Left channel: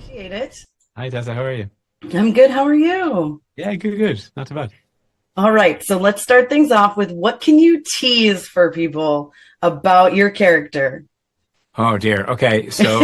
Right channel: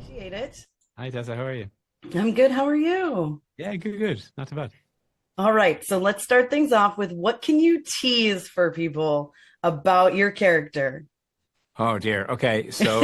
Appreciate it. Hi, Tessa. How are you? I'm good. How are you? Yeah, good, good. Not too bad. All right. So let's start things off with what can you tease for people about your character? Oh dear. Okay, so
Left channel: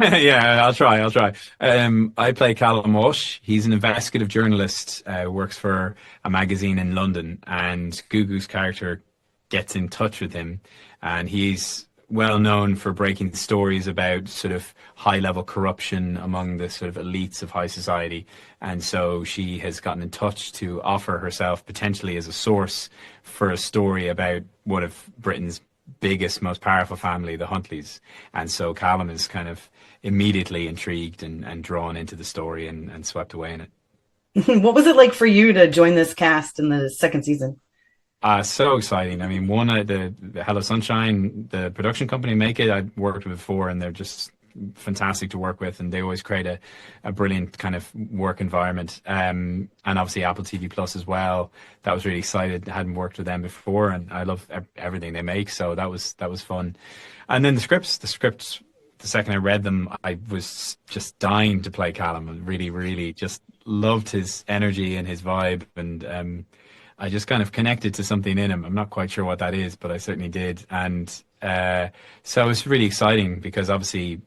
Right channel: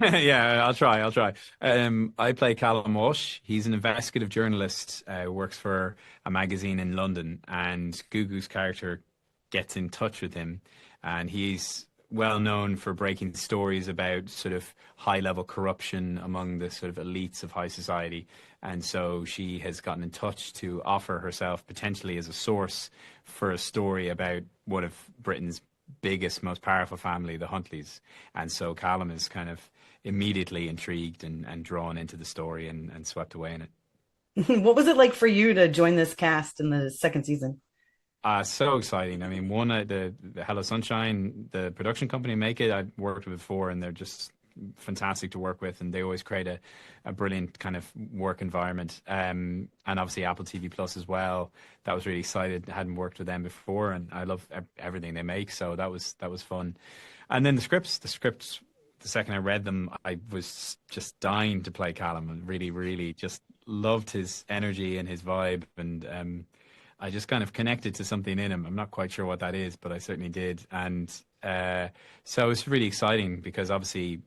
yeah, I'll try. I'll try. I play Callum Walsh. He's an investigative journalist. Works for a magazine in London, and Gugu's character gets in touch with him, and he's well known for breaking stories about sort of high-level corruption among the sort of elites of high society. And so she has gotten in touch to offer herself potentially as a source for a story about one of Britain's biggest, most powerful family, the Huntleys. And so Callum is kind of immediately intrigued and drawn into the story and swept away in it. What was it like for you to join this cast in the second season? So exciting. I mean, the Hello Sunshine, the production company make it, I've worked with before, and they're just fantastic to work with, and they always create a brilliant kind of work environment. And obviously Apple TV Plus as well. That was really excited. I hadn't worked with them before, and I love everything they make. So that was fun. And then the scripts. The second I read them, I was just dying to play Callum. I really, really just loved his energy and his vibe, and I just kind of connected to something in him. I'm not quite sure what that is, but I certainly did. And so it was really exciting because obviously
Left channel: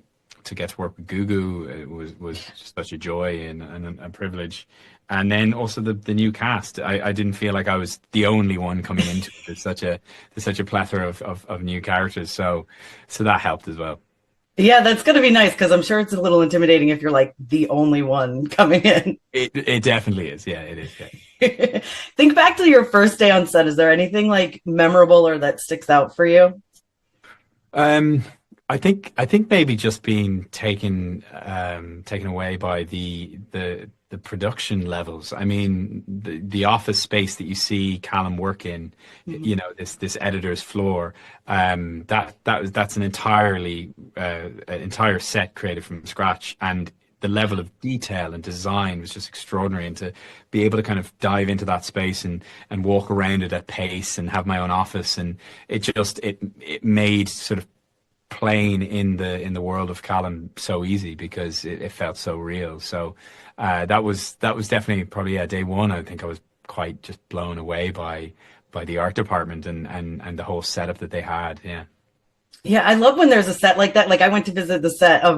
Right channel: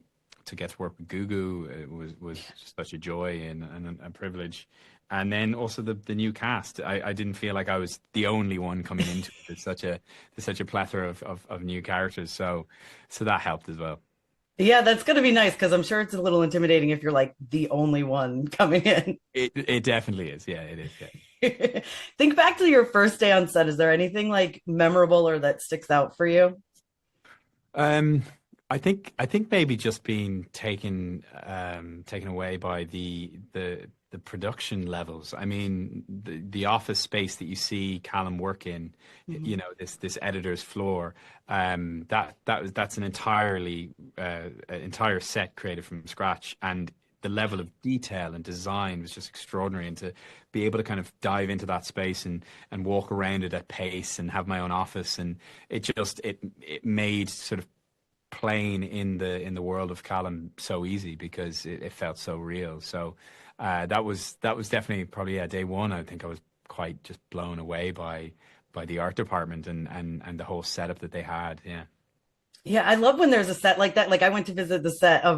to get to work with Gugu was just such a joy and a privilege. And then also the new cast. I didn't feel like I was the only one coming into it. There's such a plethora of new characters. So that helped as well. Yeah, that's going to be nice because I'm sure it's a little intimidating if you're like the only one coming in. It definitely is. Yeah, it is. Yeah. Think back to your first day on set. Is there anything like memorable or that sticks out for you? Um, I think maybe just being taken away by the production levels. I mean, the office space that you see Callum work in, this editor's floor, that's an entire set created from scratch, and the level of detail and design was just extraordinary. And to be able to kind of dive into that space and walk around it at pace and have my own office, and it made sort of playing in the world of Callum so easy because it felt so real. So that was definitely probably, yeah, day one. I think I was quite just blown away by the art department and the whole setup that they had. Yeah. Yeah, I love when there's a set like that. Like I went to visit the set of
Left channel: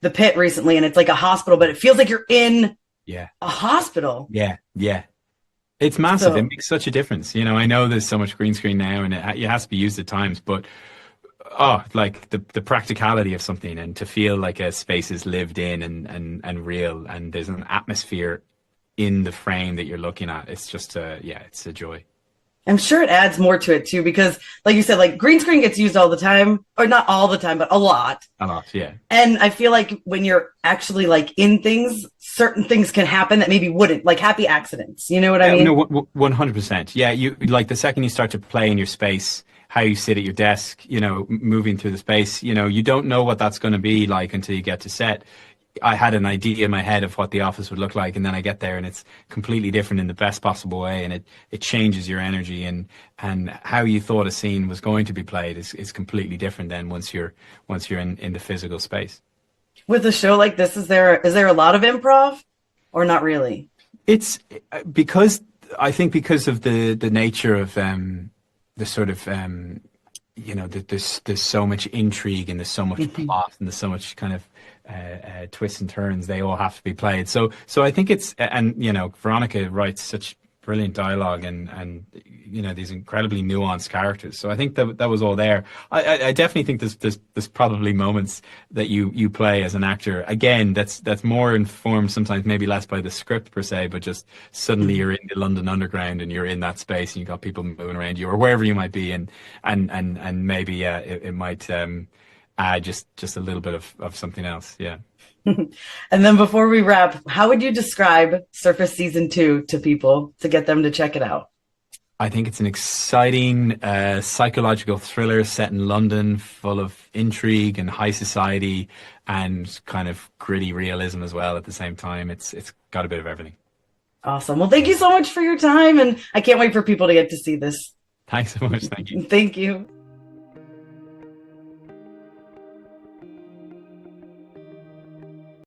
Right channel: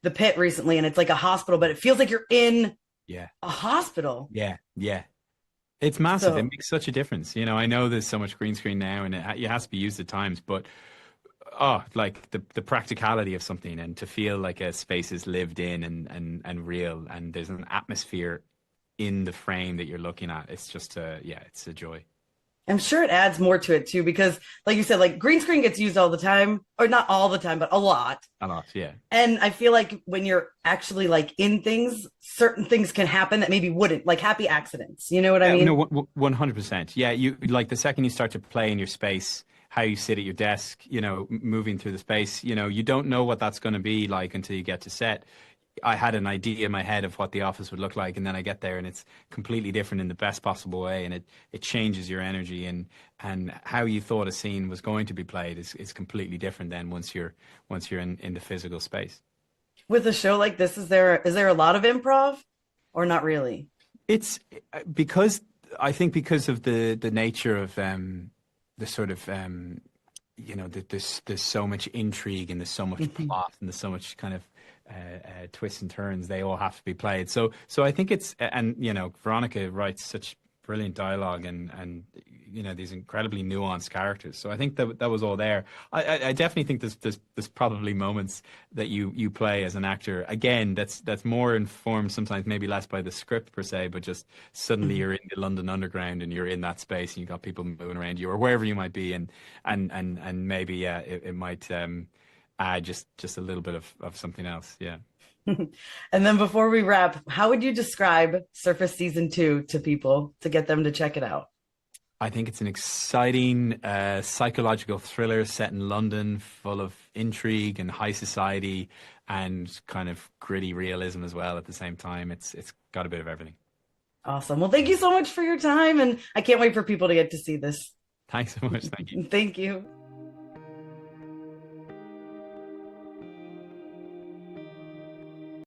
The Pit recently, and it's like a hospital, but it feels like you're in Yeah. a hospital. Yeah. Yeah. It's massive. It So makes such a difference. I know there's so much green screen now, and it has to be used at times, but like the practicality of something, and to feel like a space is lived in and real, and there's an atmosphere in the frame that you're looking at. It's just yeah, it's a joy. I'm sure it adds more to it too, because like you said, like green screen gets used all the time, or not all the time, but a lot. A lot, yeah. And I feel like when you're actually like in things, certain things can happen that maybe wouldn't, like happy accidents. You know what I Yeah, no, mean? 100%. Yeah, you like the second you start to play in your space, how you sit at your desk, moving through the space, you don't know what that's going to be like until you get to set. I had an idea in my head of what the office would look like, and then I get there and it's completely different in the best possible way, and it changes your energy, and how you thought a scene was going to be played is completely different then once you're in the physical space. With a show like this, is there a lot of improv or not really? It's because I think because of the nature of the sort of there's so much intrigue, and there's so much plot, and there's so much kind of twists and turns. They all have to be played. So I think it's, and Veronica writes such brilliant dialogue, and these incredibly nuanced characters. So I think that was all there. I definitely think there's probably moments that you play as an actor. Again, that's more informed sometimes, maybe less by the script per se, but just suddenly you're in the London Underground and you're in that space and you've got people moving around you or wherever you might be, and maybe it might add just a little bit of something else. Yeah. And then before we wrap, how would you describe Surface Season 2 to people to get them to check it out? I think it's an exciting psychological thriller set in London, full of intrigue and high society and kind of gritty realism as well at the same time. It's got a bit of everything. Awesome. Well, thank you so much for your time, and I can't wait for people to get to see this. Thanks so much. Thank you. Thank you.